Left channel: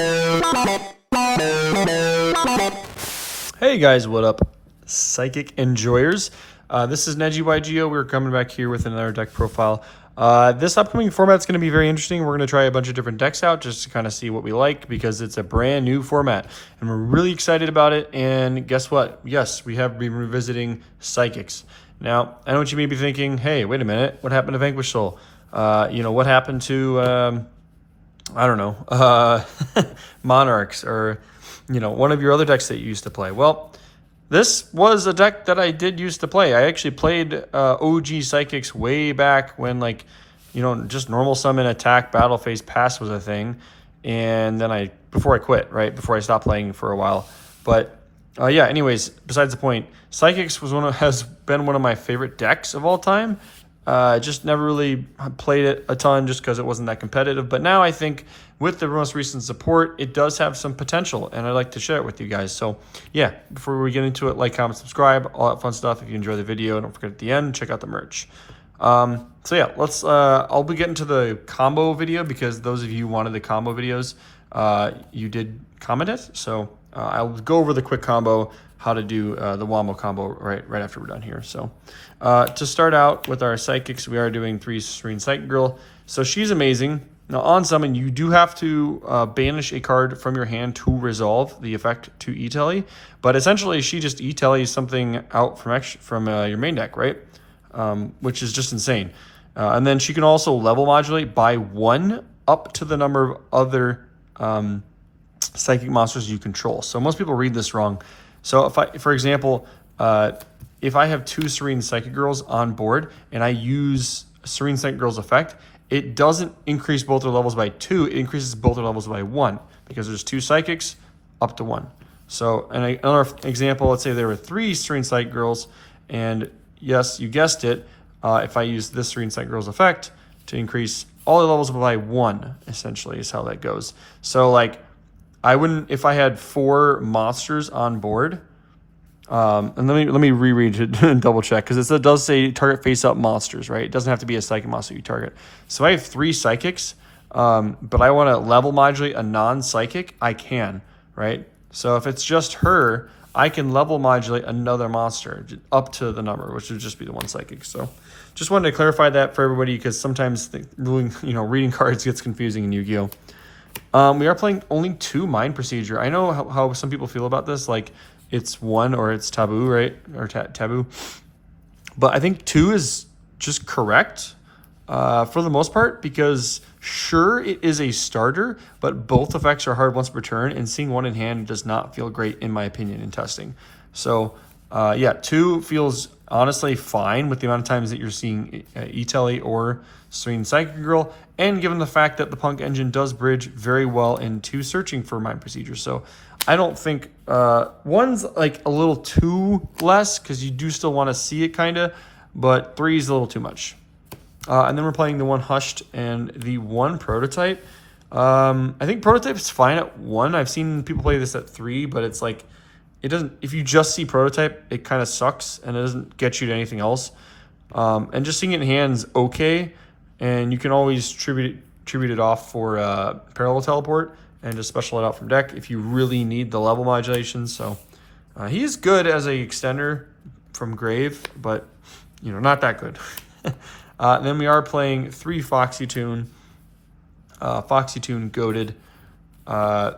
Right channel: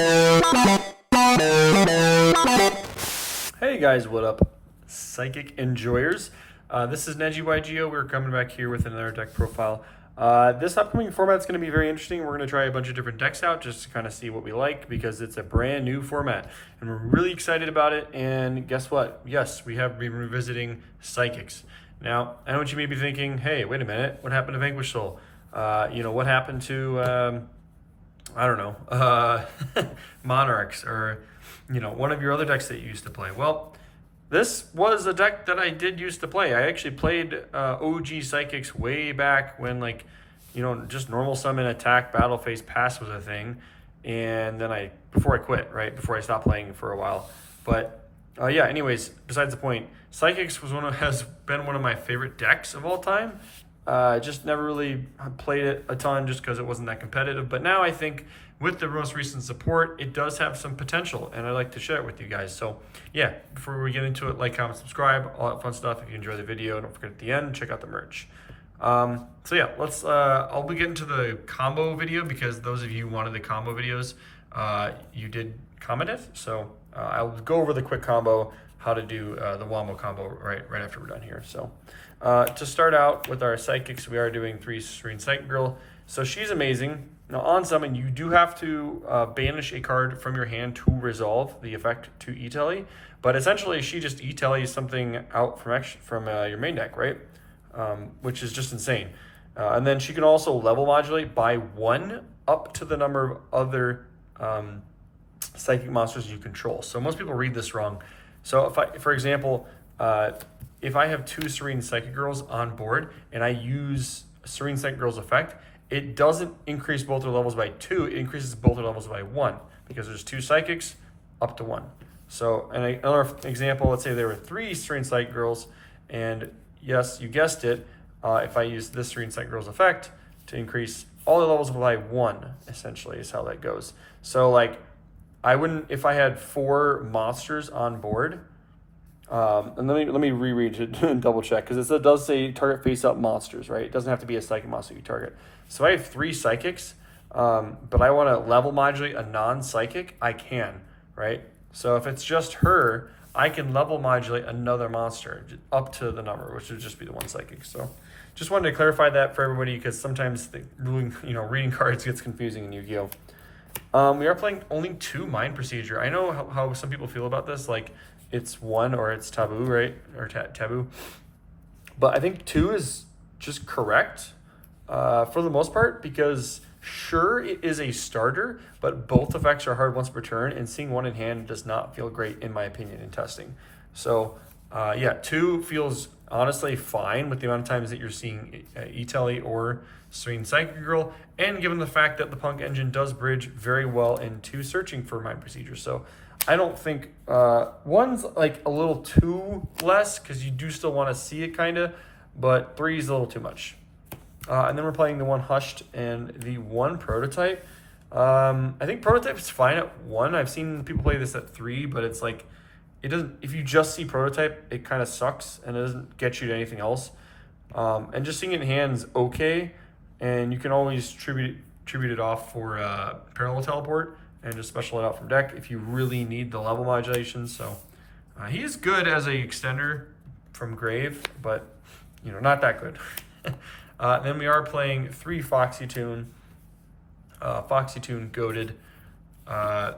Hey guys, what up? Psychic enjoyers. This is NejiYGO. We're coming back here with another deck profile. This upcoming format's going to be very interesting. We're going to try a bunch of different decks out just to kind of see what we like because it's a brand new format and we're really excited about it. And guess what? Yes, we have been revisiting Psychics. Now, I know what you may be thinking, hey, wait a minute, what happened to Vanquish Soul? What happened to, I don't know, Monarchs or, one of your other decks that you used to play? Well, this was a deck that I did used to play. I actually played OG Psychics way back when, just normal summon, attack, battle phase, pass was a thing. And then before I quit, right? Before I stopped playing for a while. But anyways, besides the point, Psychics has been one of my favorite decks of all time. Just never really played it a ton just because it wasn't that competitive. But now I think with the most recent support, it does have some potential, and I'd like to share it with you guys. So yeah, before we get into it, like, comment, subscribe, all that fun stuff. If you enjoy the video, don't forget at the end, check out the merch. I'll be getting to the combo video because those of you who wanted the combo videos, you did comment it. So I'll go over the quick combo, how to do the Wombo combo right after we're done here. So to start out with our Psychics, we are doing 3 Serene Psychic Girl. So she's amazing. Now on summon, you do have to banish a card from your hand to resolve the effect to E-Telly, but essentially she just E-Tellies something out from your main deck, right? Which is just insane. And then she can also level modulate by 1 up to the number of other psychic monsters you control. So most people read this wrong. So for example, if I have 2 Serene Psychic Girls on board and I use Serene Psychic Girl's effect, it doesn't increase both their levels by 2, it increases both their levels by 1 because there's 2 Psychics up to 1. So, and another example, let's say there were 3 Serene Psychic Girls, and yes, you guessed it, if I use this Serene Psychic Girl's effect to increase all the levels by 1, essentially is how that goes. So I wouldn't, if I had 4 monsters on board, and let me reread it and double check because it does say target face up monsters, right? It doesn't have to be a psychic monster you target. So I have 3 psychics, but I want to level modulate a non-psychic, I can, right? So if it's just her, I can level modulate another monster up to the number, which would just be the 1 psychic. So just wanted to clarify that for everybody because sometimes reading cards gets confusing in Yu-Gi-Oh. We are playing only 2 Mind Procedure. I know how some people feel about this, like it's 1 or it's taboo, right? Or taboo. But I think 2 is just correct for the most part because sure, it is a starter, but both effects are hard once per turn, and seeing 1 in hand does not feel great in my opinion in testing. So 2 feels honestly fine with the amount of times that you're seeing E-Telly or Serene Psychic Girl, and given the fact that the Punk engine does bridge very well into searching for Mind Procedure. So I don't think 1's like a little too less because you do still want to see it kind of, but 3 is a little too much. And then we're playing the 1 Hushed and the 1 Prototype. I think Prototype's fine at 1. I've seen people play this at 3, but it's like, it doesn't, if you just see Prototype, it kind of sucks and it doesn't get you to anything else. And just seeing it in hand's okay, and you can always tribute it off for Parallel Teleport and just special it out from deck if you really need the level modulation. So he is good as a extender from Grave, but not that good. And then we are playing 3 Foxy Tune. Foxy Tune goated.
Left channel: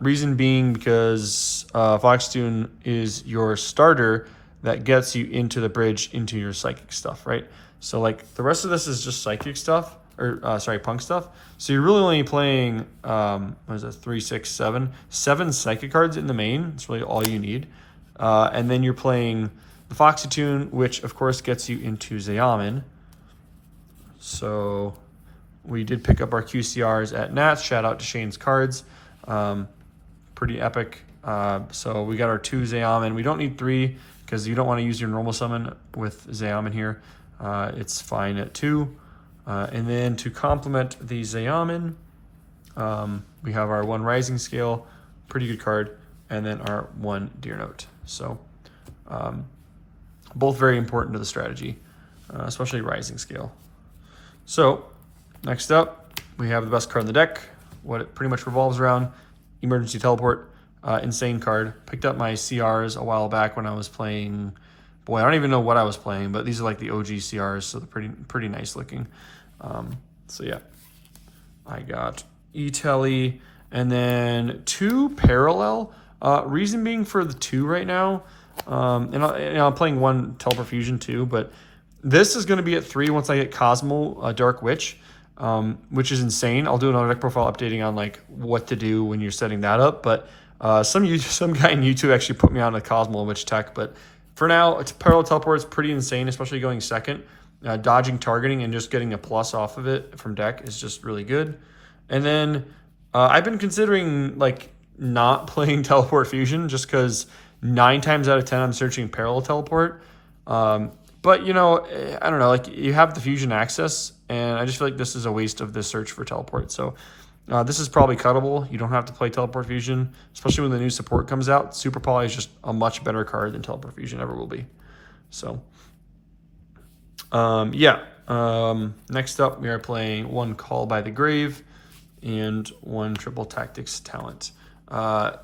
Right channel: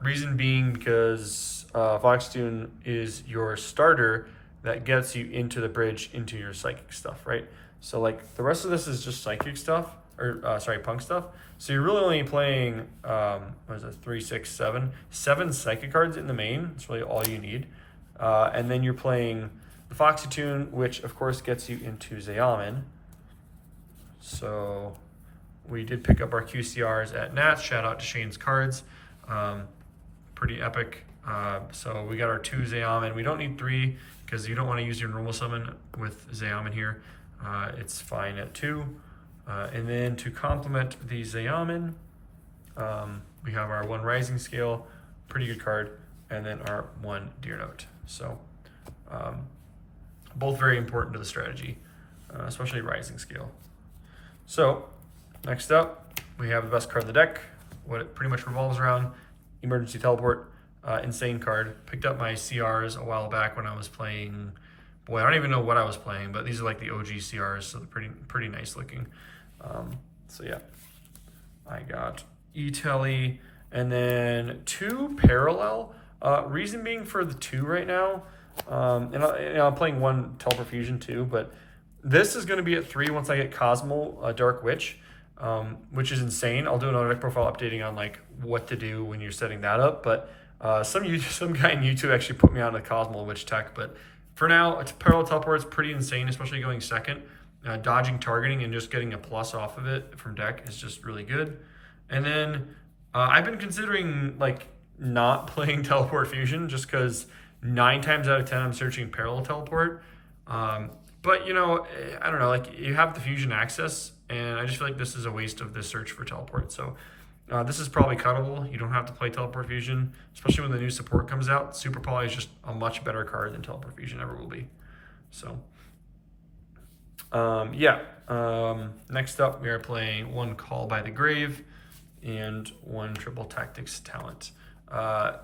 Reason being because Foxy Tune is your starter that gets you into the bridge into your psychic stuff, right? So the rest of this is just psychic stuff, or punk stuff. So you're really only playing, 3, 6, 7 psychic cards in the main. That's really all you need. And then you're playing the Foxy Tune, which of course gets you into Zeamin. So we did pick up our QCRs at Nats. Shout out to Shane's Cards. Pretty epic. So we got our 2 Zeamin. We don't need 3 because you don't want to use your normal summon with Zeamin here. It's fine at 2. And then to complement the Zeamin, we have our 1 Rising Scale, pretty good card, and then our 1 Deer Note. So both very important to the strategy, especially Rising Scale. So next up, we have the best card in the deck. What it pretty much revolves around emergency teleport, insane card. Picked up my CRs a while back when I was playing. Boy, I don't even know what I was playing, but these are like the OG CRs, so they're pretty nice looking. So yeah, I got E-Telly and then 2 parallel. Reason being for the 2 right now, and I'm playing 1 Teleport Fusion too, but this is going to be at 3 once I get Cosmo Dark Witch, which is insane. I'll do an deck profile updating on like what to do when you're setting that up, but some guy in YouTube actually put me on a Cosmo Witch tech, but for now, it's parallel teleport is pretty insane, especially going second. Dodging targeting and just getting a plus off of it from deck is just really good. And then I've been considering like not playing Teleport Fusion just because 9 times out of 10 I'm searching parallel teleport. But you know, I don't know, like you have the fusion access, and I just feel like this is a waste of the search for teleport. So this is probably cuttable. You don't have to play Teleport Fusion, especially when the new support comes out. Super Poly is just a much better card than Teleport Fusion ever will be. So next up we are playing 1 Call by the Grave and 1 Triple Tactics Talent.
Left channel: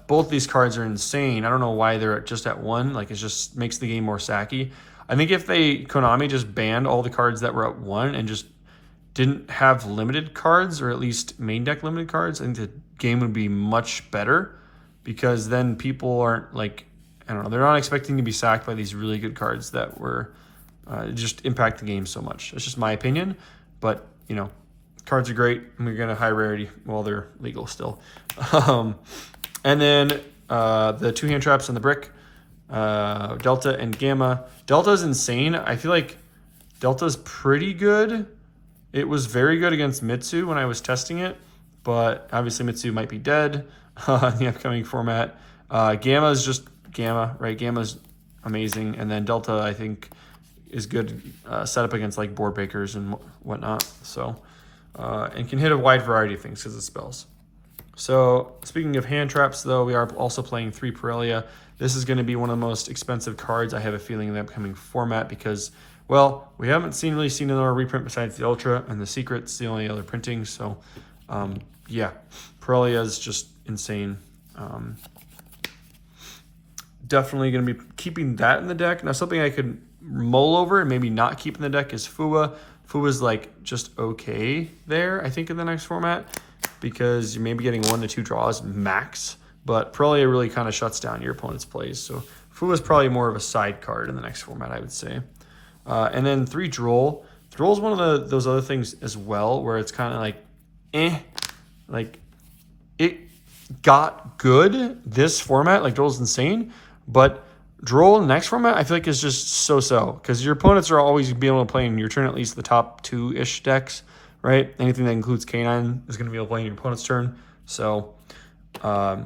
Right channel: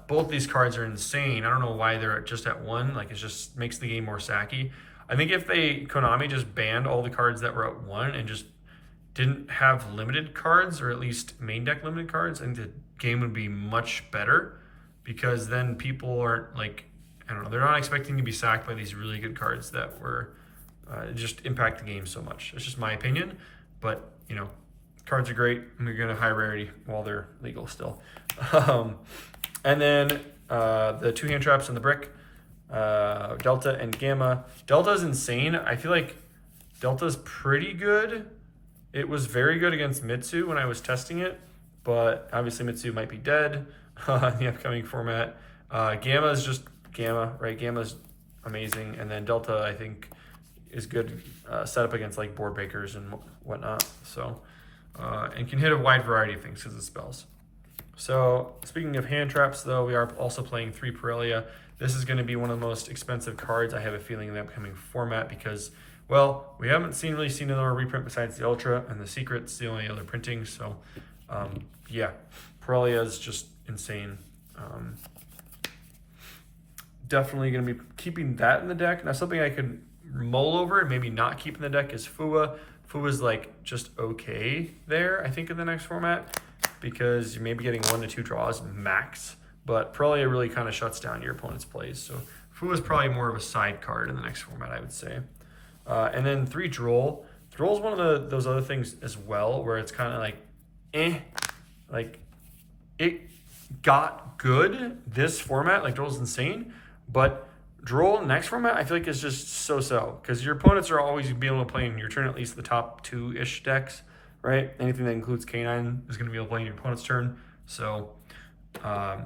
Both these cards are insane. I don't know why they're just at 1. Like, it just makes the game more sacky. I think if Konami just banned all the cards that were at 1 and just didn't have limited cards, or at least main deck limited cards, I think the game would be much better, because then people aren't like, I don't know, they're not expecting to be sacked by these really good cards that were just impact the game so much. It's just my opinion, but you know, cards are great and we get a high rarity while they're legal still. And then the 2 hand traps on the brick, Delta and Gamma. Delta is insane. I feel like Delta's pretty good. It was very good against Mitsu when I was testing it, but obviously Mitsu might be dead in the upcoming format. Gamma is just Gamma, right? Gamma's amazing, and then Delta I think is good set up against like board breakers and whatnot. So and can hit a wide variety of things because of spells. So speaking of hand traps, though, we are also playing 3 Parelia. This is going to be one of the most expensive cards, I have a feeling, in the upcoming format because, well, we haven't really seen another reprint besides the Ultra, and the Secret's the only other printing. So, yeah, Parelia is just insane. Definitely going to be keeping that in the deck. Now, something I could mull over and maybe not keep in the deck is Fua. Fua's like just okay there, I think, in the next format, because you may be getting 1 to 2 draws max, but Parelia really kind of shuts down your opponent's plays. So Fua is probably more of a side card in the next format, I would say. And then 3 Droll. Droll is one of those other things as well, where it's kind of like, like it got good this format. Like Droll's insane, but Droll next format I feel like is just so-so, because your opponents are always going to be able to play in your turn at least the top 2-ish decks, right? Anything that includes K9 is going to be able to play in your opponent's turn. So, or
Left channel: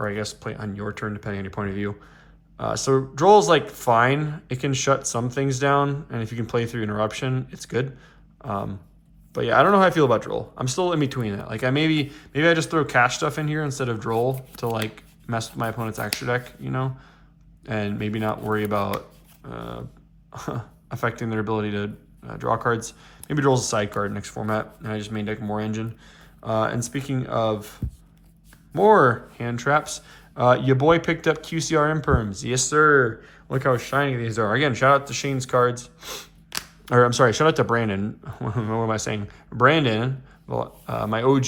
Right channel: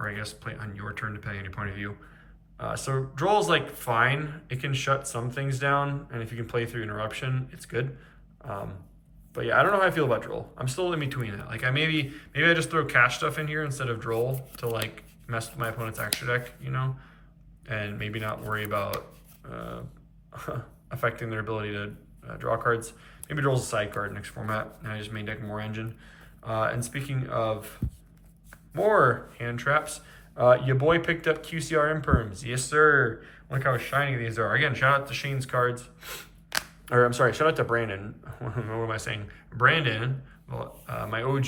I guess play on your turn depending on your point of view. So Droll is like fine. It can shut some things down, and if you can play through interruption, it's good. But yeah, I don't know how I feel about Droll. I'm still in between that. Like maybe I just throw cash stuff in here instead of Droll to like mess with my opponent's extra deck, you know, and maybe not worry about affecting their ability to draw cards. Maybe Droll's a side card next format, and I just main deck more engine. And speaking of more hand traps, your boy picked up QCR Imperms. Yes, sir. Look how shiny these are. Again, shout out to Shane's cards. Or I'm sorry, shout out to Brandon. What am I saying? Brandon, well, my OG,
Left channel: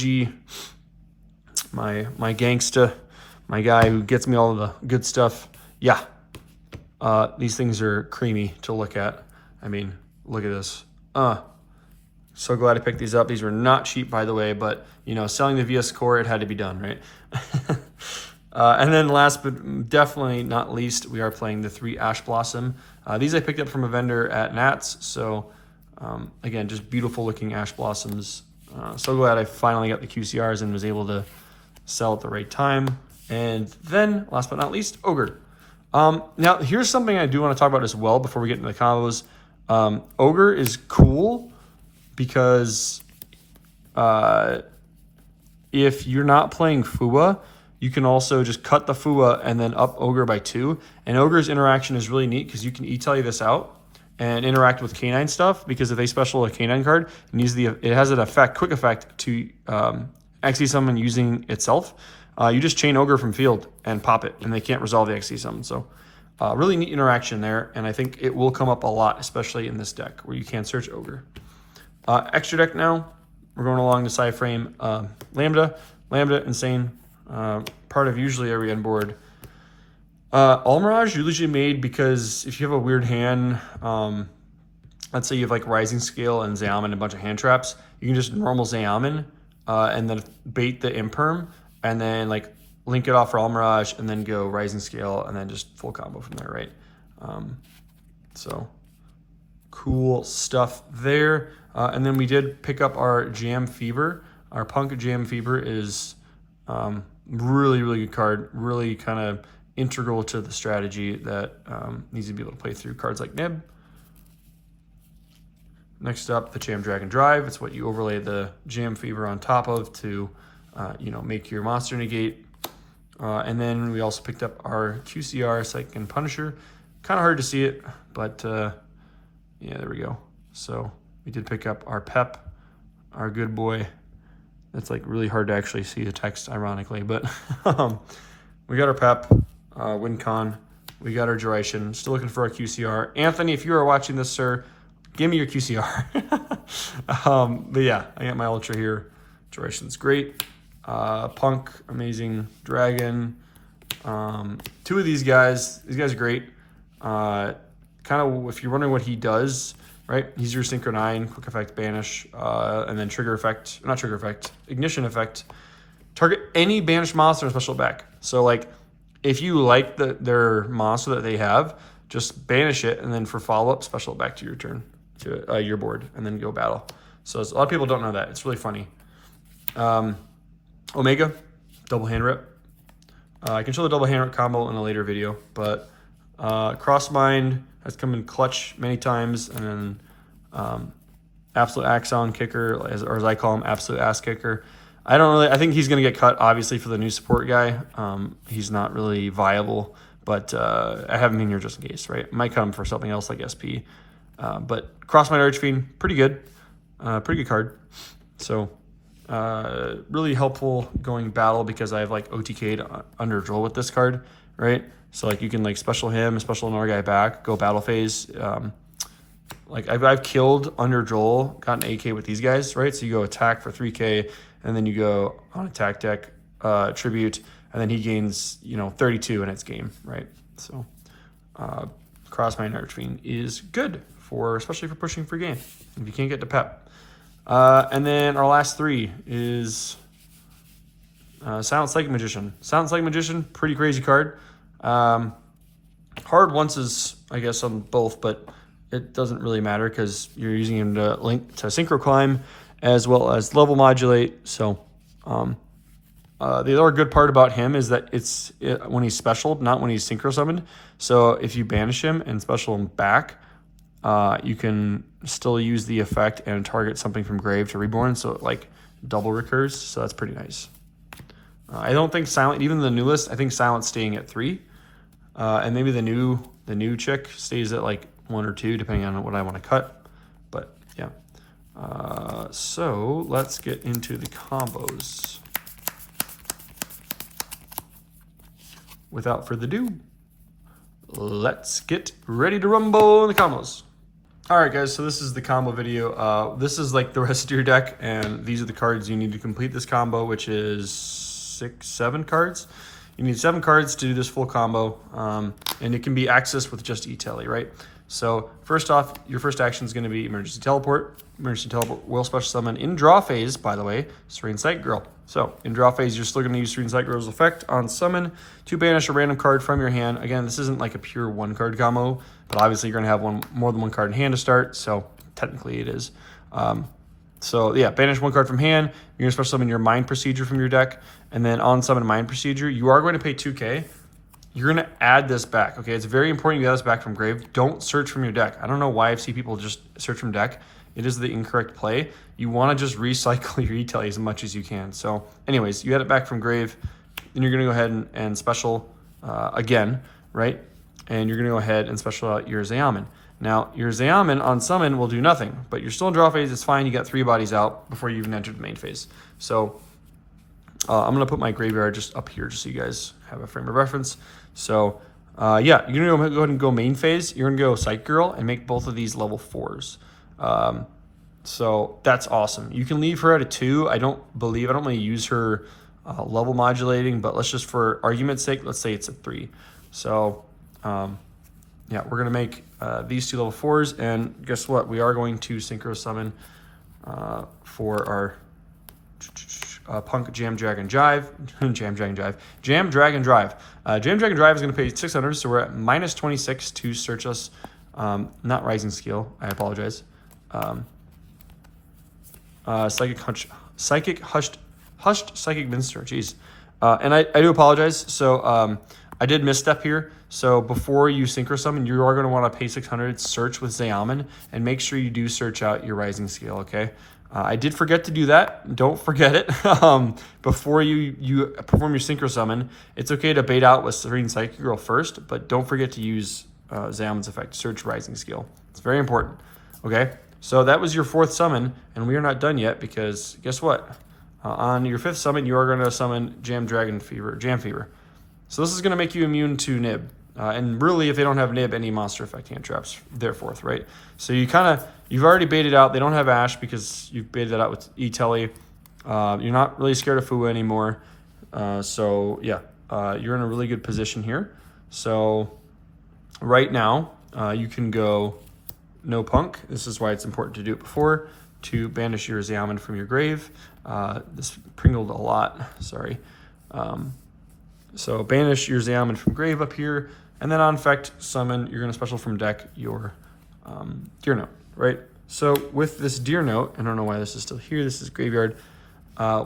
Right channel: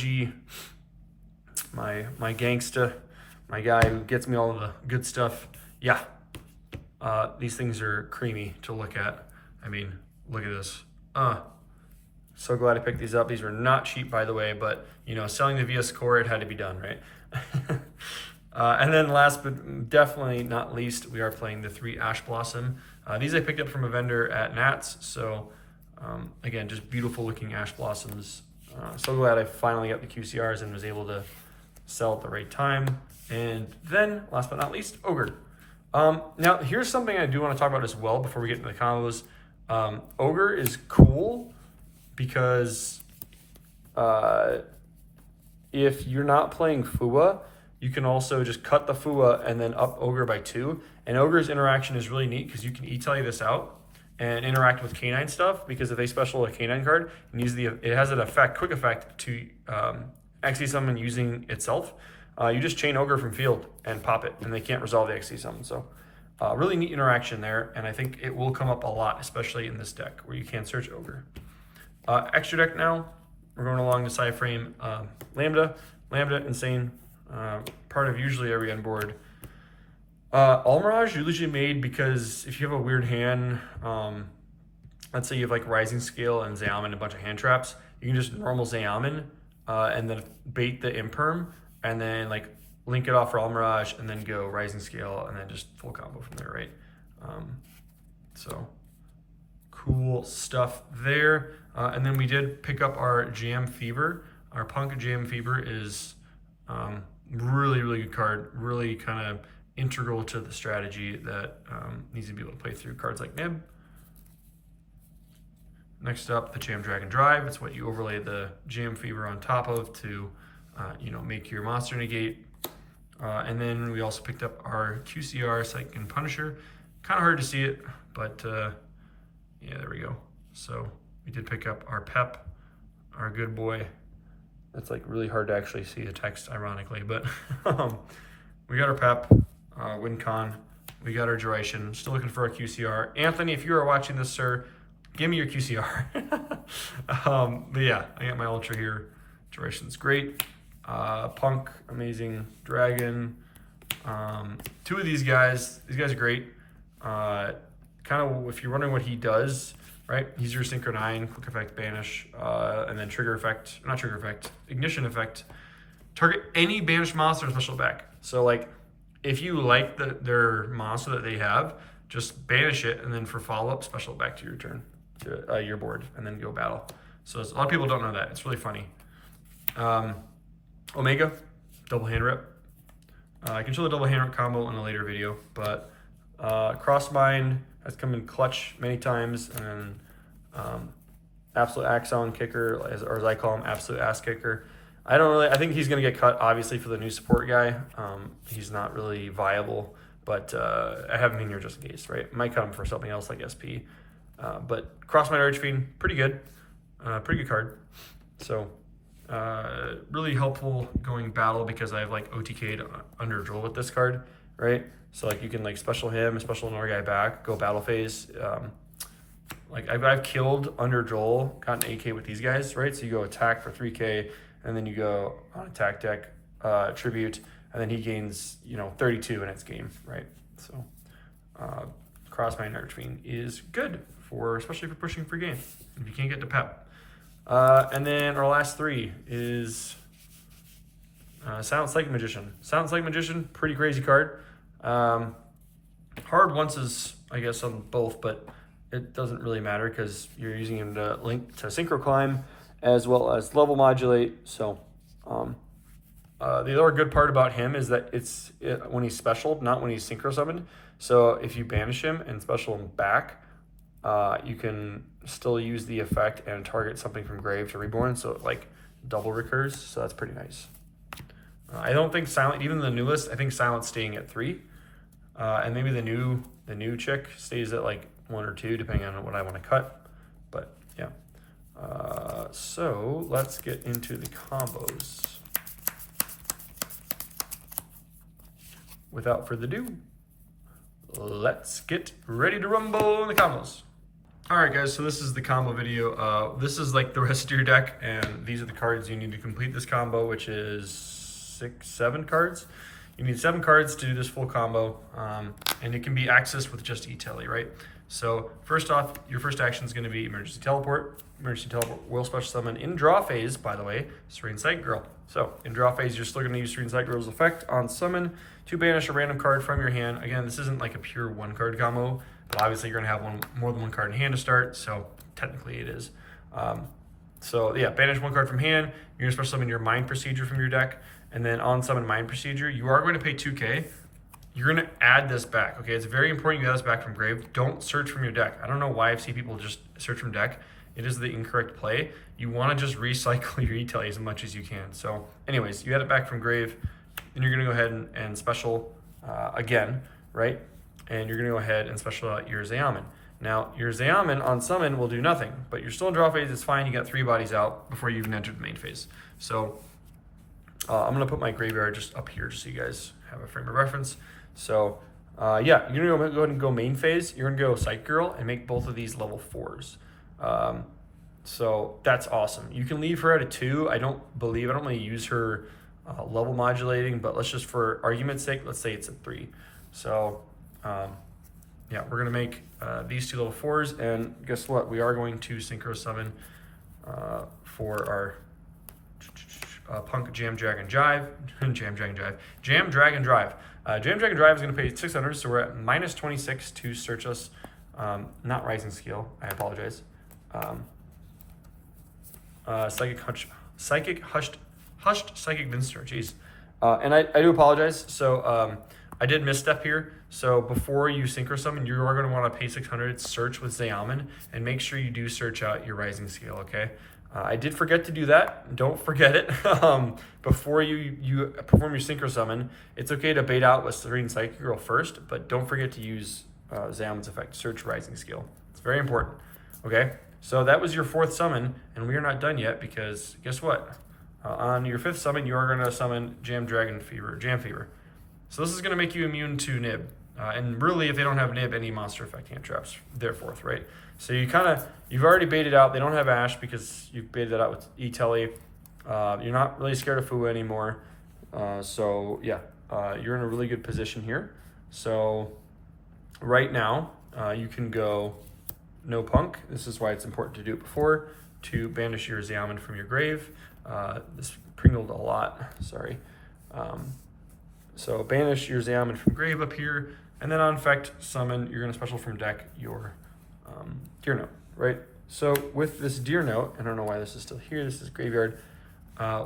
my gangsta, my guy who gets me all of the good stuff. Yeah, these things are creamy to look at. I mean, look at this. So glad I picked these up. These were not cheap, by the way, but you know, selling the VS Core, it had to be done, right? And then last but definitely not least, we are playing the 3 Ash Blossom. These I picked up from a vendor at Nats. So again, just beautiful looking Ash Blossoms. So glad I finally got the QCRs and was able to sell at the right time. And then last but not least, Ogre. Now here's something I do want to talk about as well before we get into the combos. Ogre is cool because if you're not playing Fua, you can also just cut the Fua and then up Ogre by 2. And Ogre's interaction is really neat because you can E-Telly this out and interact with K9 stuff, because if they special a K9 card, it has an quick effect to actually summon using itself. you just chain Ogre from field and pop it, and they can't resolve the XC summon. So really neat interaction there, and I think it will come up a lot, especially in this deck where you can search Ogre. Extra deck now, we're going along the side frame. Lambda, insane, part of usually every end board. Almirage usually made because if you have a weird hand, let's say you have like Rising Scale and Zayaman and a bunch of hand traps, you can just normal Zayaman and then bait the Imperm and then like link it off for Almirage and then go Rising Scale and then just full combo from there, right? So cool stuff there. And then we did pick up our Jam Fever. Our Punk Jam Fever is really, really good card. Really kind of integral to the strategy that needs to be able to play through cards like Nib. Next up, the Jam Dragon Drive. It's what you overlay the Jam Fever on top of to, make your monster negate. And then we also picked up our QCR Psychic and Punisher. Kind of hard to see it, but yeah, there we go. So we did pick up our Pep, our good boy. It's like really hard to actually see the text, ironically, but we got our Pep, WinCon. We got our Duration. Still looking for our QCR. Anthony, if you are watching this, sir, give me your QCR. But yeah, I got my Ultra here. Duration's great. Punk, amazing. Dragon. Two of these guys are great. Kind of, if you're wondering what he does, right? He's your Synchro 9, Quick Effect, Banish, and then Trigger Effect, not Trigger Effect, Ignition Effect. Target any banished monster special back. So like, if you like their monster that they have, just banish it, and then for follow-up, special it back to your turn, to your board, and then go battle. So a lot of people don't know that. It's really funny. Omega, double hand rip. I can show the double hand rip combo in a later video, but Crossmind has come in clutch many times, and then Absolute Axon Kicker, or as I call him, Absolute Ass Kicker. I think he's going to get cut, obviously, for the new support guy. He's not really viable, but I have him in here just in case, right? Might come for something else like SP. But Crossmind Archfiend, pretty good card. So really helpful going battle because I have like OTK'd under Droll with this card, right? So like you can like special him, special another guy back, go battle phase. Like I've killed under Joel, gotten AK with these guys, right? So you go attack for 3k, and then you go on attack deck, tribute, and then he gains 32 in its game, right? So Crossmind Archfiend is good especially for pushing for game if you can't get to Pep. And then our last three is Silent Psychic Magician. Silent Psychic Magician, pretty crazy card. Hard once is, I guess, on both, but it doesn't really matter because you're using him to link to Synchro Climb as well as level modulate. So the other good part about him is that it's when he's special, not when he's Synchro Summoned. So if you banish him and special him back, you can still use the effect and target something from grave to reborn, so it like double recurs. So that's pretty nice. I don't think Silent, even the newest, I think Silent's staying at 3, and maybe the new chick stays at like 1 or 2, depending on what I want to cut. But yeah. So let's get into the combos. Without further ado, let's get ready to rumble in the combos. All right, guys, so this is the combo video. This is like the rest of your deck, and these are the cards you need to complete this combo, which is 7 cards. You need 7 cards to do this full combo, and it can be accessed with just E-Tele, right? So first off, your first action is going to be Emergency Teleport. Emergency Teleport will special summon in draw phase, by the way, Serene Sight Girl. So in draw phase, you're still going to use Serene Sight Girl's effect on summon to banish a random card from your hand. Again, this isn't like a pure 1-card combo, but obviously you're going to have more than one card in hand to start, so technically it is. So yeah, banish 1 card from hand. You're going to special summon your Mind Procedure from your deck, and then on summon Mind Procedure, you are going to pay 2k. You're going to add this back, okay? It's very important you add this back from grave. Don't search from your deck. I don't know why I've seen people just search from deck. It is the incorrect play. You want to just recycle your E-Tele as much as you can. So anyways, you add it back from grave, then you're going to go ahead and special again, right? And you're going to go ahead and special out your Zayaman. Now, your Zayaman on summon will do nothing, but you're still in draw phase. It's fine. You got 3 bodies out before you even entered the main phase. So I'm gonna put my graveyard just up here just so you guys have a frame of reference. So yeah, you're gonna go ahead and go main phase. You're gonna go Psych Girl and make both of these level 4s. So that's awesome. You can leave her at a 2. I don't really use her level modulating, but let's just, for argument's sake, let's say it's a 3. So yeah, we're gonna make these 2 level 4s, and guess what? We are going to synchro summon for our Punk Jam Dragon Drive. Jam Dragon Drive. Jam Dragon Drive. Jam Dragon Drive is going to pay 600, so we're at minus 26 to search us. Not Rising Skill, I apologize. Psychic Hushed Psychic Minster, jeez. And I do apologize. So I did misstep here. So before you synchro summon, you are going to want to pay 600, search with Zeaman, and make sure you do search out your Rising Skill, okay? I did forget to do that. Don't forget it. Before you perform your synchro summon, it's okay to bait out with Serene Psychic Girl first, but don't forget to use Zeaman's effect, search Rising Skill. It's very important, okay? So that was your 4th summon, and we are not done yet because guess what? On your 5th summon, you are going to summon Jam Fever. So this is going to make you immune to Nib. And really, if they don't have Nib, any monster effect cantrips, they're 4th, right? So you've already baited out. They don't have Ash because you've baited it out with E-Telly. You're not really scared of Fua anymore. So yeah, you're in a really good position here. So right now, you can go no Punk. This is why it's important to do it before, to banish your Zeaman from your grave. This pringled a lot, sorry. So banish your Zeaman from grave up here, and then on effect, summon, you're gonna special from deck your Deer Note, right? So with this Deer Note, I don't know why this is still here, this is graveyard.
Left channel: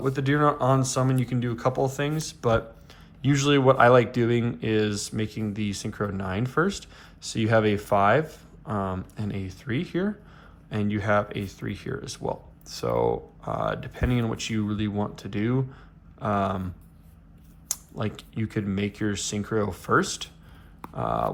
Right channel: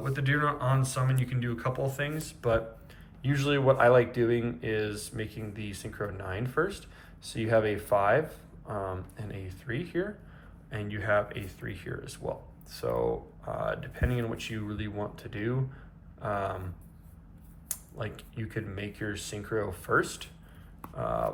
With the Deer Note on summon, you can do a couple of things, but usually what I like doing is making the Synchro 9 first. So you have a 5 and a 3 here, and you have a 3 here as well. So depending on what you really want to do, like you could make your Synchro first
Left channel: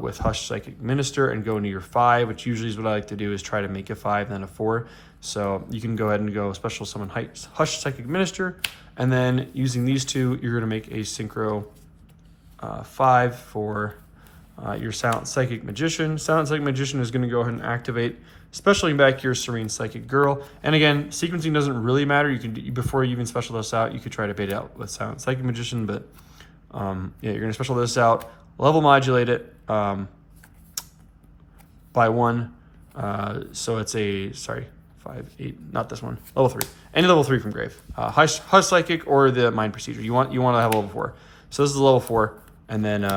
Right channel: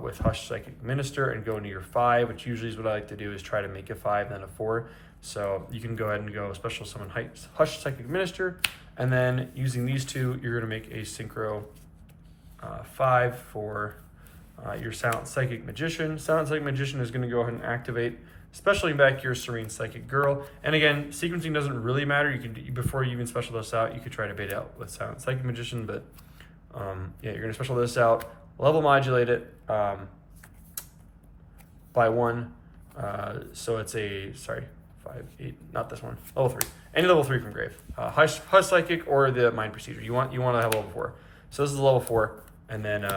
with Hush Psychic Minister and go into your 5, which usually is what I like to do, is try to make a 5 and then a 4. So you can go ahead and go special summon Hush Psychic Minister, and then using these 2, you're gonna make a Synchro 5 for your Silent Psychic Magician. Silent Psychic Magician is gonna go ahead and activate, specialing back your Serene Psychic Girl. And again, sequencing doesn't really matter. You can, before you even special this out, you could try to bait out with Silent Psychic Magician, but yeah, you're gonna special this out, level modulate it by 1. So it's a, sorry, 5, 8, not this one, level 3. Any level 3 from grave. Hush Psychic or the Mind Procedure. You want to have level 4. So this is a level 4, and then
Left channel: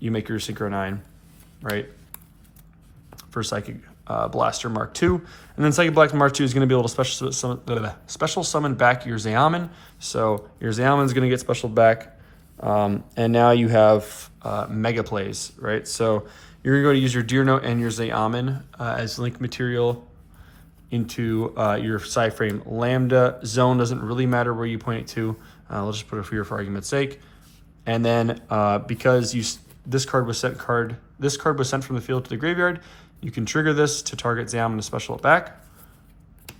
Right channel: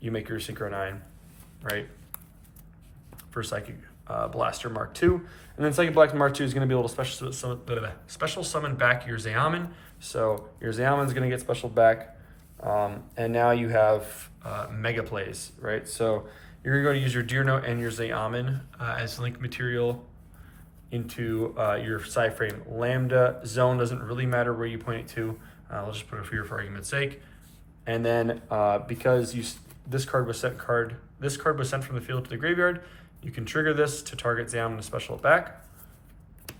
you make your Synchro 9, right? For Psychic Blaster Mark II. And then Psychic Blaster Mark II is going to be able to special summon back your Zeaman. So your Zeaman is going to get specialed back. And now you have Mega Plays, right? So you're going to go to use your Deer Note and your Zeaman as link material into your Psyframe Lambda. Zone doesn't really matter where you point it to. We'll just put it here for argument's sake. And then because this card was sent from the field to the graveyard, you can trigger this to target Zeaman to special it back.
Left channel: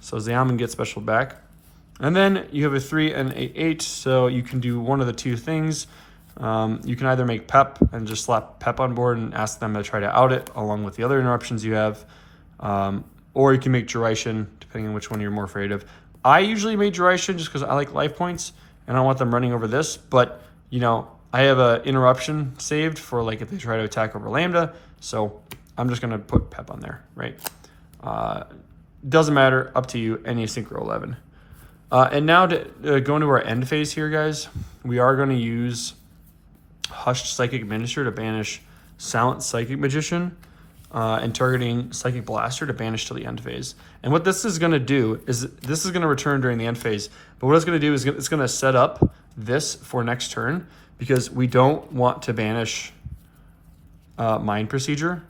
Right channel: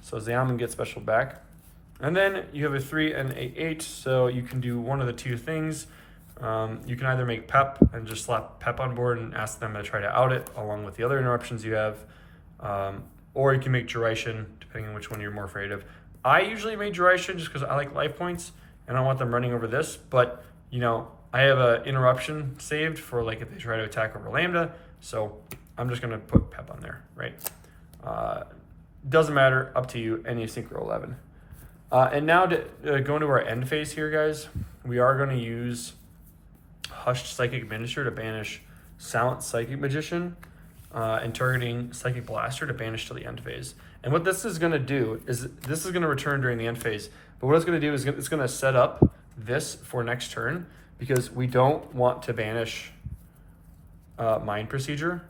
So Zeaman gets special back. And then you have a 3 and a 8, so you can do one of the 2 things. You can either make Pep and just slap Pep on board and ask them to try to out it along with the other interruptions you have. Or you can make Duration, depending on which one you're more afraid of. I usually make Duration just because I like life points and I don't want them running over this, but you know, I have an interruption saved for like if they try to attack over Lambda, so I'm just gonna put Pep on there, right? Doesn't matter, up to you, any Synchro 11. And now to go into our end phase here, guys, we are gonna use Hushed Psychic Minister to banish Silent Psychic Magician, and targeting Psychic Blaster to banish to the end phase. And what this is gonna do is, this is gonna return during the end phase, but what it's gonna do is it's gonna set up this for next turn, because we don't want to banish Mind Procedure.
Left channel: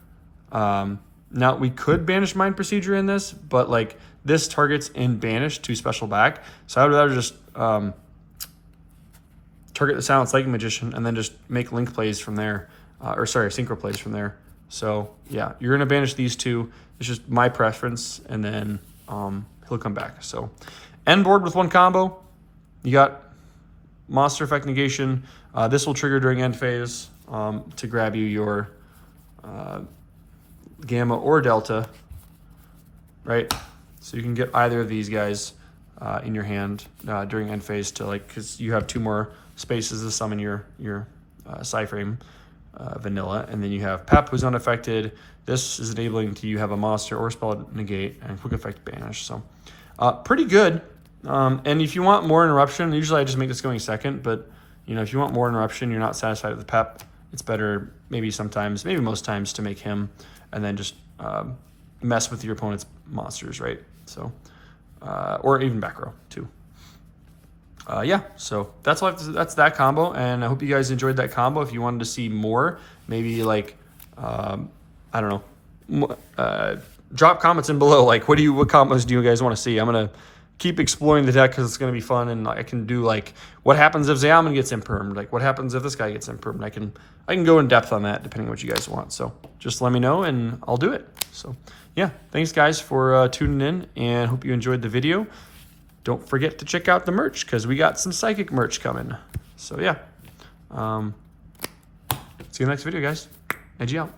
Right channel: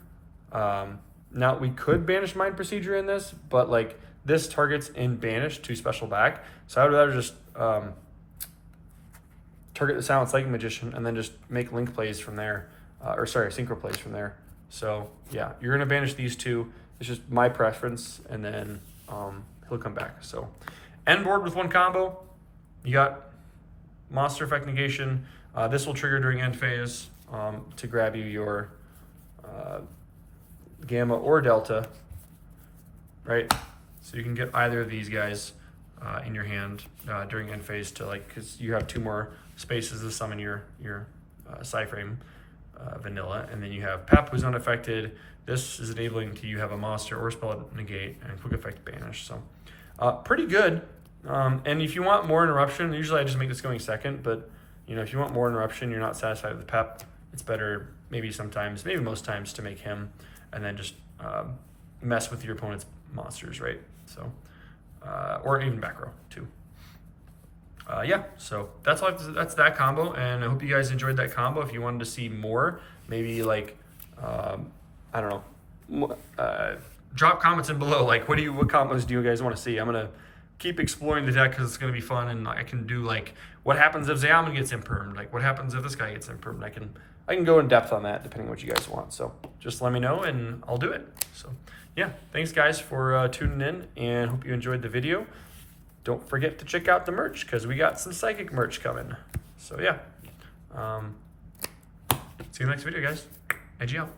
Now we could banish Mind Procedure in this, but like this targets in banish to special back. So I would rather just target the Silent Psychic Magician and then just make link plays from there, or sorry, synchro plays from there. So yeah, you're gonna banish these 2. It's just my preference, and then he'll come back. So end board with 1 combo. You got monster effect negation. This will trigger during end phase to grab you your Gamma or Delta, right? So you can get either of these guys in your hand during end phase to because you have 2 more spaces to summon your Psyframe vanilla, and then you have Pep, who's unaffected. This is enabling to you have a monster or spell negate and quick effect banish. So pretty good. And if you want more interruption, usually I just make this going second, but if you want more interruption, you're not satisfied with the Pep, it's better maybe sometimes, maybe most times, to make him and then just mess with your opponent's monsters, right? So, or even back row too. Yeah, so that's that combo, and I hope you guys enjoyed that combo. If you wanted to see more, maybe I don't know, drop comments in below. What combos do you guys want to see? I'm gonna keep exploring the deck because it's gonna be fun, and I can do what happens if Zayaman gets impermed, what happens if this guy gets impermed. I can go in depth on that depending on what you guys want. So just let me know and I'll do it. So yeah, thanks guys for tuning in, and hope you enjoyed the video. Don't forget to check out the merch because we got some Psychic merch coming. So yeah, see you next video, guys. Edgy out.